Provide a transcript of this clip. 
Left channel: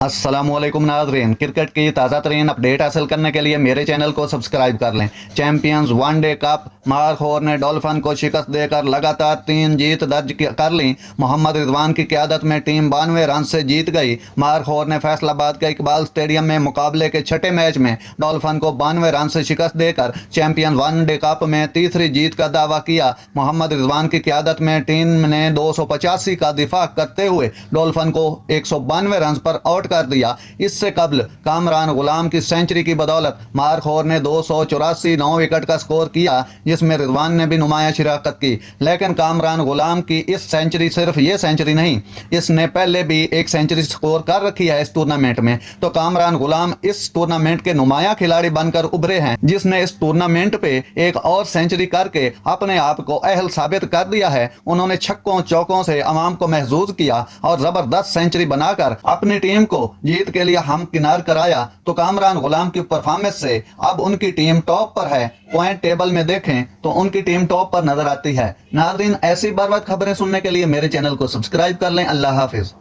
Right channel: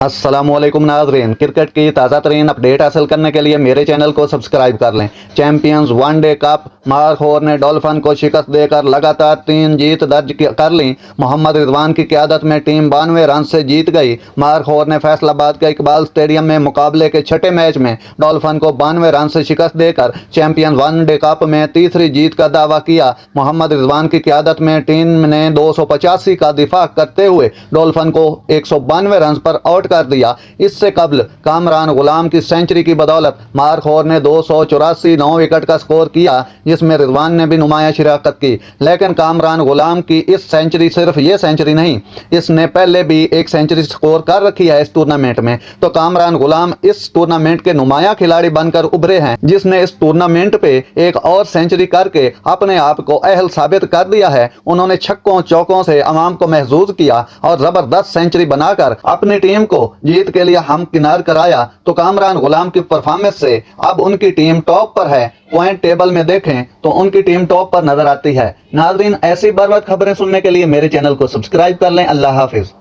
अस्सलाम वालेकुम नाज़रीन, क्रिकेट की ताज़ा तरीन अपडेट हासिल करने के लिए मेरे चैनल को सब्सक्राइब कर लें। चैंपियंस वनडे कप मार्क होर ने डॉल्फिन को शिकस्त देकर लगातार 3 जीत दर्ज कर ली। मोहम्मद रिजवान की क़यादत में टीम 92 रन से जीत गई। मार्क होर ने फैसलाबाद के इकबाल स्टेडियम में मुकाबले के छठे मैच में डॉल्फिन को 92 रन से शिकस्त देकर चैंपियंस वनडे कप में तीसरी जीत का दावा किया। मोहम्मद रिजवान की क़यादत में टीम ने 285 का दिफा करते हुए डॉल्फिन को 192 रन पर आउट कर दिया। इससे कबल कामरान गुलाम की सेंचुरी की बदौलत मार्क होर ने 284 9 विकेट का स्कोर किया, जिसमें रिजवान ने भी नुमाया शिरकत की। लेकिन कामरान गुलाम की इस सेंचुरी सिर्फ ये सेंचुरी नहीं, इसने पहले भी एक सेंचुरी स्कोर कर रखी है इस टूर्नामेंट में। तो कामरान गुलाम इस टूर्नामेंट के नुमाया खिलाड़ी बनकर उभरे हैं, जिसने इस टूर्नामेंट पे एक और सेंचुरी करके अपने आप को अहल साबित कर दिया है। उन्होंने छक्कों चौकों से अवाम को महजूज किया और जबरदस्त सेंचुरी बनाकर अपनी टीम को जीत के लिए हमकिनार कराया। तो कामरान गुलाम की परफॉर्मेंस से अब उनकी टीम टॉप पर है। पॉइंट टेबल में देखें तो उनकी टीम टॉप पर नजर आती है। नाज़रीन, ऐसी बर बार खबरें सुनने के लिए मेरे चैनल को सब्सक्राइब कर लें। अल्लाह हाफिज।